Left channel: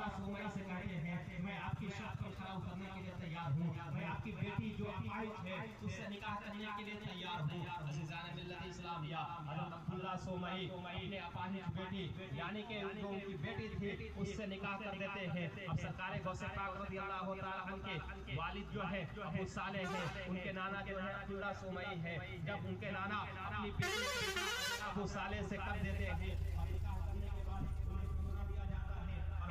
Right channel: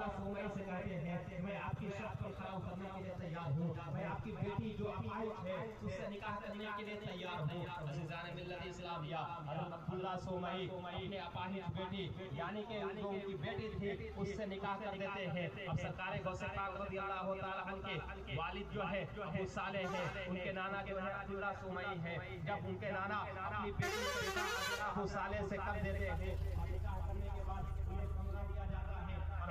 عبداللہ سومئی سے کہتے ہیں میں آپ کی شرط پر کھڑا اترنے کے لیے تیار ہوں، میں آپ کی بیٹی جو اپاہج ہے اس سے نکاح کرنے کے لیے تیار ہوں۔ عزیزان ملت اسلامیہ، حضرت عبداللہ سومئی اپنے اپاہج بیٹی یعنی کہ جو ان کی بیٹی تھی اس سے نکاح کر دیتے ہیں۔ اب سرکار غوث پاک رضی اللہ تعالیٰ عنہ کے والد جو ہے ابو صالح ہے، ان کے نانا جو ہے عبداللہ سومئی ہے۔ جب ان کے نانا اپنی بیٹی سے نکاح ابو صالح سے کر دیتے ہیں،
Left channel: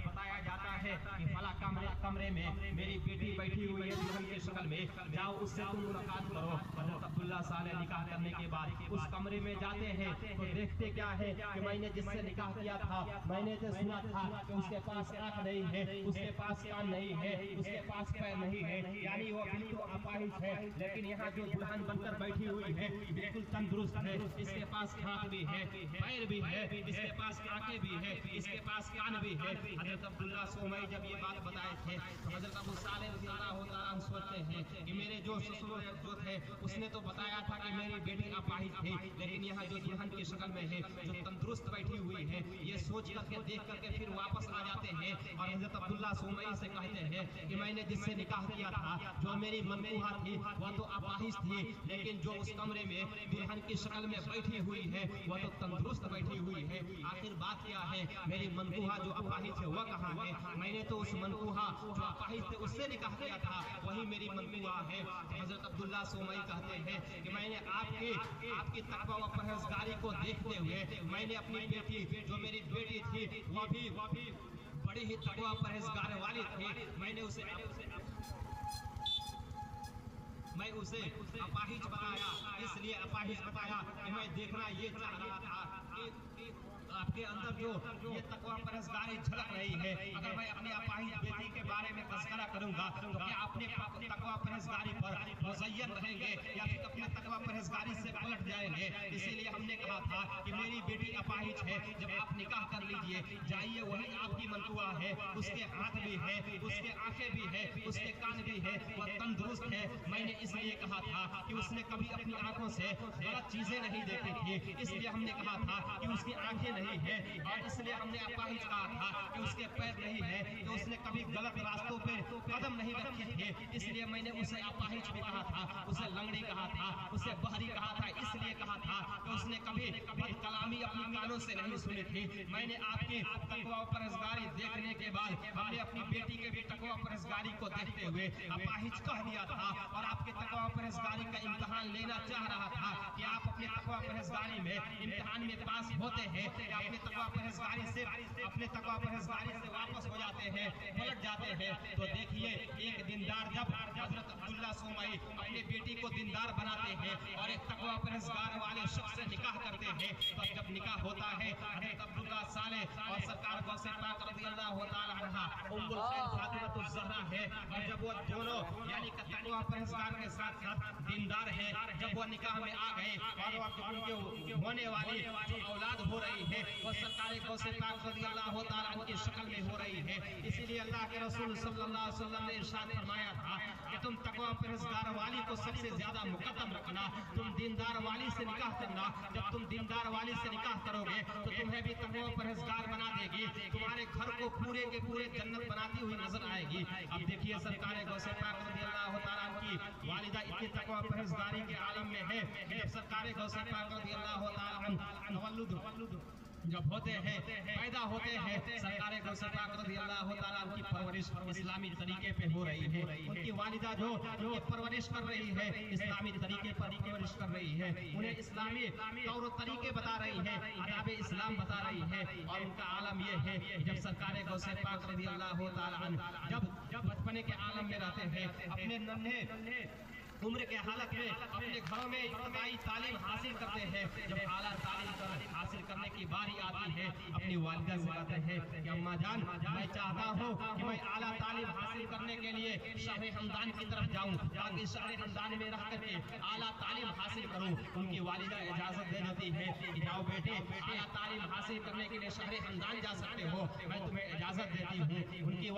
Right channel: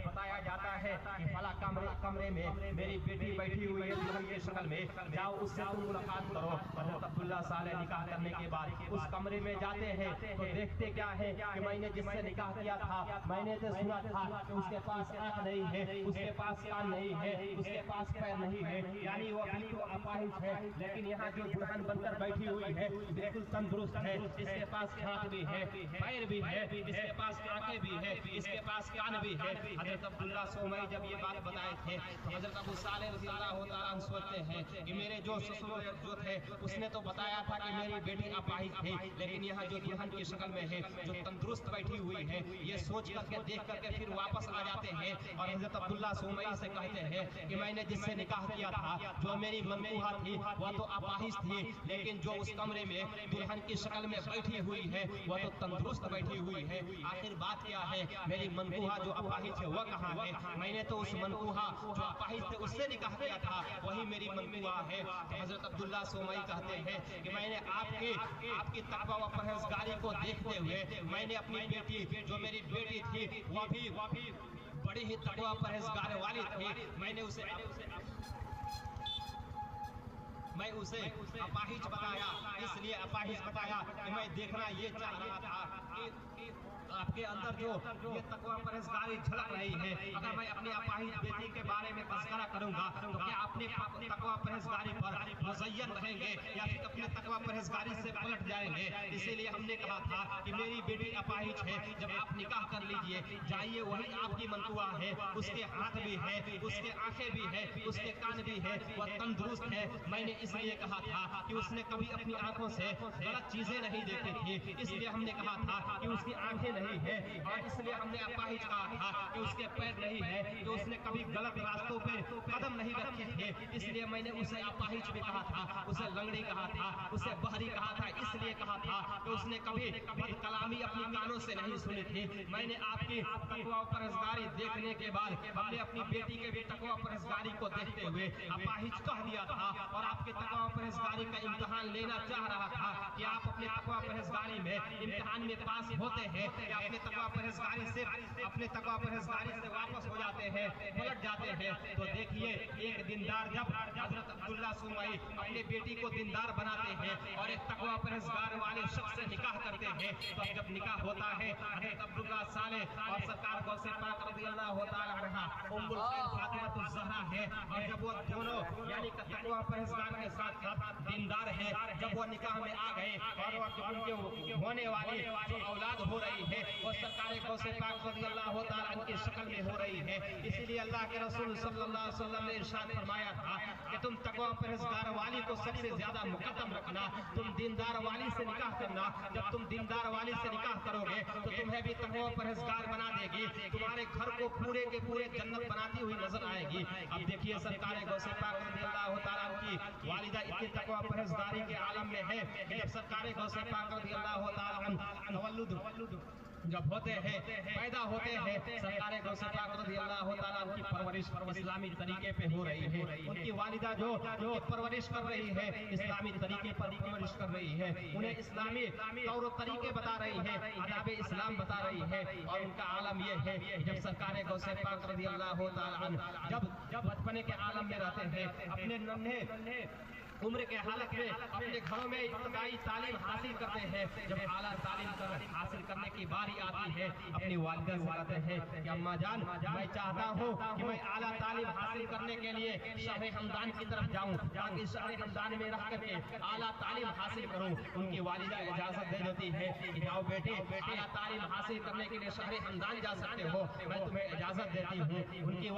بتایا جاتا ہے کہ فلاں کمرے میں میری بیٹی بیٹھی ہوئی ہے دلہن کی شکل میں، جاؤ اس سے تم ملاقات کرو۔ حضرت عبداللہ صالح نکاح کرنے کے بعد اس کمرے میں جاتے ہیں تو دیکھتے کیا ہے کہ میں نے جس سے نکاح کیا تھا میں نے تو سنا تھا کہ اس کے پاس آنکھ نہیں ہے، اس کے پاس کان نہیں ہے، اس کے پاس پیر نہیں ہے، یعنی وہ بالکل اپاہج ہے۔ لیکن یہاں جو دلہن بن کر بیٹھی ہوئی ہے بالکل تندرست ہے، اس کے پاس ہاتھ بھی ہے، پیر بھی ہے، اس کے پاس آنکھیں بھی ہے، اس کے پاس کان بھی ہے۔ حضرت عبداللہ سومئی جب یہ بات بتائے تھے حضرت ابو صالح رضی اللہ تعالیٰ عنہ سوچتے ہیں کہ میرے جو سسر جو تھے اس نے تو بتایا تھا کہ میری بیٹی اپاہج تھی، لیکن یہاں جو دلہن کی شکل میں ہے جو تندرست بیٹھی ہوئی ہے، یہ سوچ کر کے دیکھ کر کے پھر واپس آ جاتے ہیں اور حضرت عبداللہ سومئی سے کہتے ہیں کہ میں نے جس سے نکاح کیا تھا جو میری منقوہہ تھی وہ تو اپاہج تھی، لیکن جو اس کمرے میں دلہن کی شکل میں بیٹھی ہوئی ہے وہ تو تندرست بیٹھی ہوئی ہے۔ آخر بات کیا ہے، میری منقوہہ جو اپاہج ہے وہ کہاں ہے؟ میں نے تو اس منقوہہ جو اپاہج تھے اس سے نکاح کیا تھا، وہی میری منقوہہ ہے۔ حضرت عبداللہ سومئی کہتے ہیں کہ میں نے آپ کی تقویٰ و پرہیزگاری کو دیکھتے ہوئے میں نے اپنی بیٹی جو میری بیٹی تھی وہ بھی بڑی ہی تقویٰ پرہیزگار والی تھی، میں اسے اپاہج بتایا، اس لیے اپاہج بتایا کہ میں دیکھنا یہ چاہ رہا تھا آپ کے اندر جو یہ تقویٰ پرہیزگاری جھلک رہی ہے۔ اگر میں اپنی اپاہج بیٹی کے بارے میں تذکرہ کروں گا تو کیا اپنے تقویٰ پرہیزگاری پر مزین رہیں گے یا پھر اپنے تقویٰ پرہیزگاری سے پلٹ جائیں گے؟ اسی لیے ہم نے کہا تھا کہ میری بیٹی اپاہج ہے، جب آپ نکاح کر لیجئے جائیے، وہی آپ کی منقوہہ ہے، اس کے ہاتھ بھی ہے، اس کے آنکھیں بھی ہے، اس کے کان بھی ہے، وہ تندرست ہے۔ میں نے اس لیے کہا تھا کہ اس نے کبھی اپنی آنکھوں سے غلط چیزیں نہیں دیکھی تھی، اس لیے ہم نے کہا تھا کہ اس کی آنکھیں نہیں ہے، اور اس لیے ہم نے اپاہج کہا تھا کہ اس کے پیر نہیں ہے، کہ اس نے کبھی غلط راستوں پہ قدم نہیں رکھی تھے، اس لیے میں نے اسے اپاہج بھی کہا تھا، اسے لنگڑی کہا تھا، اسے بہری کہا تھا، اس لیے کہا تھا کہ اس نے کبھی بد کلامی اپنی کانوں سے نہیں سنی تھی۔ میں نے آپ کی تقویٰ پرہیزگاری دیکھنے کے بعد ہم نے اپنی بیٹی کے بھی تقویٰ پرہیزگاری کو دیکھتے ہوئے اپاہج کہہ دیا تھا، اور آپ کے تقویٰ پرہیزگاری کا امتحان لینا چاہ رہا تھا کہ آپ اپنے تقویٰ پرہیزگاری میں امتحان میں پاس ہوتے ہیں یا اپنے تقویٰ پرہیزگاری سے واپس ہو جاتے ہیں، پلٹ جاتے ہیں۔ تو دیکھیے ایک دیندار جب حضرت عبداللہ سومئی اپنی بیٹی کو دیندار بناتے ہیں اور ایک تقویٰ پرہیزگار والے شخص سے نکاح کرتے ہیں، تو جب نکاح ہوتا ہے حضرت عبداللہ صالح اور سرکار غوث پاک رضی اللہ تعالیٰ عنہ ام الخیر فاطمہ الزہرا ہے، اور جب وہ دونوں یعنی کہ تقویٰ پرہیزگار کے ساتھ ساتھ دیندار ہیں، جب وہ نکاح میں آ گئے اور ان کے ہونے والی جو اولاد ہو رہی ہے وہ سرکار غوث پاک رضی اللہ تعالیٰ عنہ کی شکل میں ہو رہی ہے۔ اسی لیے اللہ کے رسول صلی اللہ علیہ وسلم نے ارشاد فرمایا تھا کہ تم تقویٰ پرہیزگار والی کو سب سے زیادہ مقدم رکھنا، تم دیندار والی سے نکاح کرنا، جب تم دیندار والی سے نکاح کرو گے تو تمہیں بھی تقویٰ پرہیزگار بنا دے گی، تمہارے گھر کو پورے کے پورے جنت بناتی ہوئی نظر آئے گی۔ اب دیکھیے سرکار غوث پاک رضی اللہ تعالیٰ عنہ کی والدہ اتنی تقویٰ پرہیزگاری کے عالم میں ہے کہ جب سرکار غوث پاک رضی اللہ تعالیٰ عنہ تولد جب ہوتے ہیں پیدا ہوتے ہیں، سرکار غوث پاک رضی اللہ تعالیٰ عنہ کی پرورش اسلامی طریقے پہ ہو رہی ہے، ان کی والدہ جو پرورش کر رہی ہے اسلامی طریقے پر پرورش کر رہی ہے، انہیں اسلامی طور و طریقے بتا رہی ہے، آداب اسلام بتا رہی ہے، اور ان کا عالم یہ ہے کہ جب سرکار غوث پاک رضی اللہ تعالیٰ عنہ جب بچپنے کے عالم میں رہتے ہیں، اپنے ننھے عمر کے حالت میں اپنے گھروں میں ابتدائی تعلیم حاصل کرتے ہیں، جب اعلیٰ تعلیم حاصل کرنے کی باری آتی ہے اپنی والدہ سے کہتے ہیں کہ اماں جان میں چاہتا ہوں کہ میں اعلیٰ تعلیم حاصل کرنے کے لیے شہر ہمدان کی طرف جاؤں تاکہ شہر ہمدان میں رہ کر کے اعلیٰ تعلیم حاصل کروں۔ ان کی والدہ اجازت دے دیتی ہے کہ جاؤ بیٹی اعلیٰ تعلیم حاصل کرنے کے لیے شہر ہمدان جا سکتے ہو، میں تمہیں اجازت دیتی ہوں۔ ان کی